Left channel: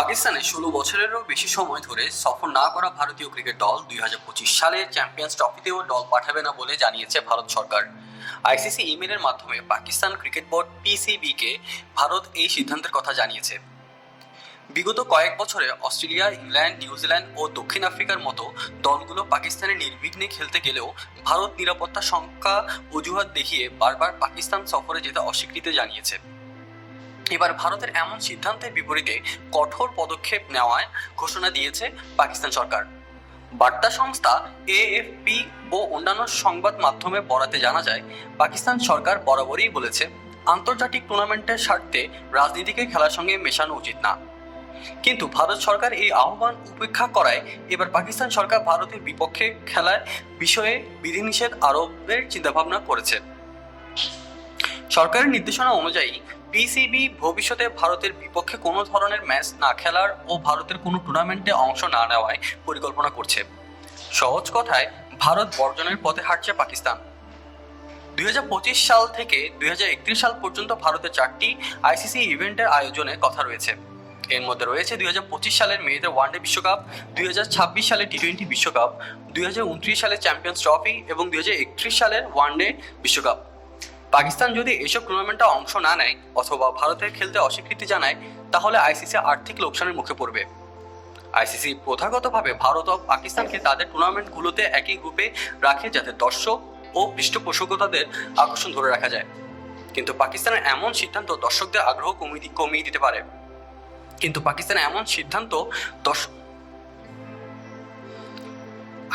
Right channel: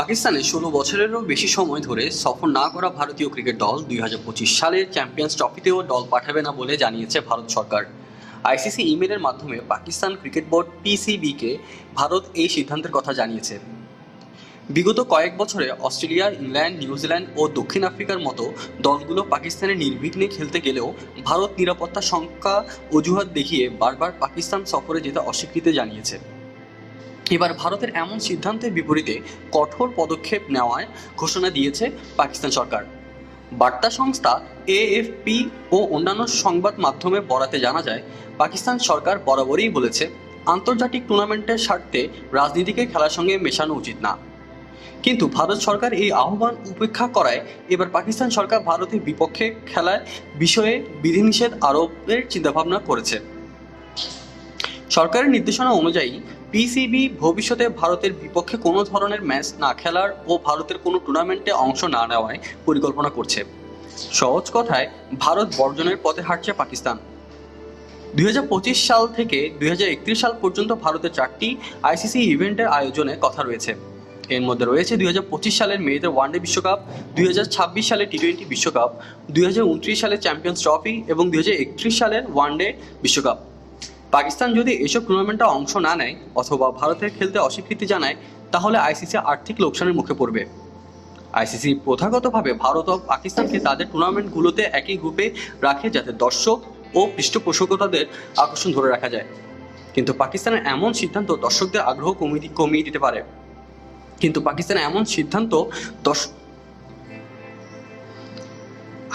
পাকিস্তানে ১৬ বছরেরও বেশি সময় ধরে সফর না করা ভারতীয় ক্রিকেট দল ২০২৫ সালের চ্যাম্পিয়ন্স ট্রফিতেও দল পাঠাবে না বলে জানিয়েছে ভারত সরকার। আইসিসি ইমেলের মাধ্যমে পাকিস্তান ক্রিকেট বোর্ড পিসিবিকে ভারত এই সিদ্ধান্তের কথা জানিয়েছে। বিগত কয়েক বছরে অস্ট্রেলিয়া, ইংল্যান্ড, নিউজিল্যান্ড ও দক্ষিণ আফ্রিকার মতো দলগুলো পাকিস্তানে নির্বিঘ্নে খেলতে গেলেও ভারত নিরাপত্তা শঙ্কা অজুহাত দেখিয়ে বারবার পাকিস্তান সফরে যেতে অস্বীকৃতি জানিয়েছে। এবার ভারতের এমন সিদ্ধান্তের বিপরীতে কঠোর পদক্ষেপ নেওয়ার ঘোষণা দিয়েছে পাকিস্তান সরকার। বার্তা সংস্থা এএফপি ও অন্যান্য সংবাদ মাধ্যমে বরাতে জানা যায়, পাকিস্তান সরকার বরাবরই বলেছে আন্তর্জাতিক টুর্নামেন্টের স্বার্থে রাজনীতিকে খেলার সঙ্গে মেশানো উচিত না। কিন্তু ভারত সরকার এই আহ্বান উপেক্ষা করায় এবার পাকিস্তান সরকার ভারতের বিপক্ষে খেলার বিষয়ে বিধিনিষেধ আরোপের চিন্তাভাবনা করেছে। সরকারের নির্দেশনা অনুযায়ী পিসিবি ভবিষ্যতে ভারতের বিপক্ষে কোনো ধরনের ম্যাচ না খেলার ও ভারতের কোনো টুর্নামেন্টে অংশ না নেওয়ার পরিকল্পনা করছে। সহজ কথায় ভারত বর্জনের পথে হাঁটছে পাকিস্তান। ২০২৫ সাল থেকে ২০৩১ সাল পর্যন্ত ভারতের 4টি আইসিসি ইভেন্টের আয়োজনের কথা রয়েছে। এর মধ্যে রয়েছে ২০২৫ সালের মেয়েতে ওয়ানডে বিশ্বকাপ, ২০২৬ সালে টি-20 বিশ্বকাপ, ২০২৯ সালের চ্যাম্পিয়ন্স ট্রফি এবং ২০৩১ সালের ওয়ানডে বিশ্বকাপ। পাকিস্তান যদি এসব টুর্নামেন্টে অংশ না নেয় অথবা ভারতের খেলতে অস্বীকৃতি জানায়, তাহলে আইসিসি আর্থিক লোকসানের মুখে পড়বে। আইসিসি প্রথাগতভাবে ভারত ও পাকিস্তানকে তাদের টুর্নামেন্টগুলোতে একই গ্রুপে রাখে যাতে দর্শক ও পৃষ্ঠপোষকতাদের আকর্ষণ ধরে রাখা যায়। কিন্তু পাকিস্তানের এমন সিদ্ধান্ত দর্শকদের আগ্রহ কমিয়ে দিতে পারে।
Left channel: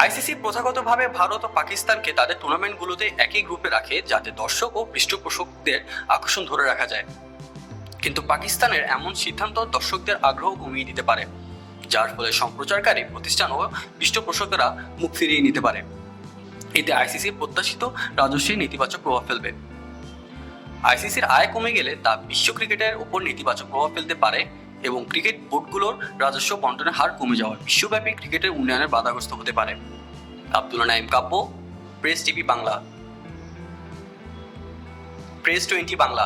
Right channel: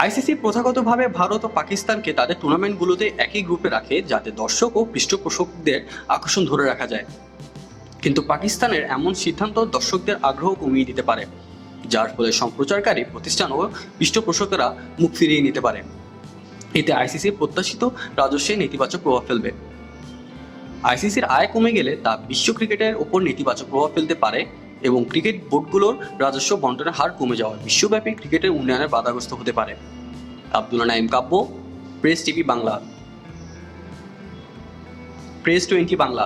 আইসিসি প্রথাগতভাবে ভারত ও পাকিস্তানকে তাদের টুর্নামেন্টগুলোতে একই গ্রুপে রাখে যাতে দর্শক ও পৃষ্ঠপোষকদের আকর্ষণ ধরে রাখা যায়। কিন্তু পাকিস্তানের এমন সিদ্ধান্ত দর্শকদের আগ্রহ কমিয়ে দিতে পারে, যার ফলে সম্প্রচারকারী প্রতিষ্ঠান ও পৃষ্ঠপোষকেরা মুখ ফিরিয়ে নিতে পারে। এতে আইসিসির প্রত্যাশিত রাজস্বে নেতিবাচক প্রভাব ফেলবে। আইসিসির আয় কমে গেলে তা বিশ্ব ক্রিকেটের ওপর নেতিবাচক প্রভাব ফেলতে পারে এবং ক্রিকেট বোর্ডগুলোর রাজস্ব বন্টনের হার কমে যাওয়ার বিশ্বব্যাপী ক্রিকেটের উন্নয়নের বাধাগ্রস্ত হতে পারে। Abdullah Naim Kabbo, press TV Bangla, press 20 Bangla.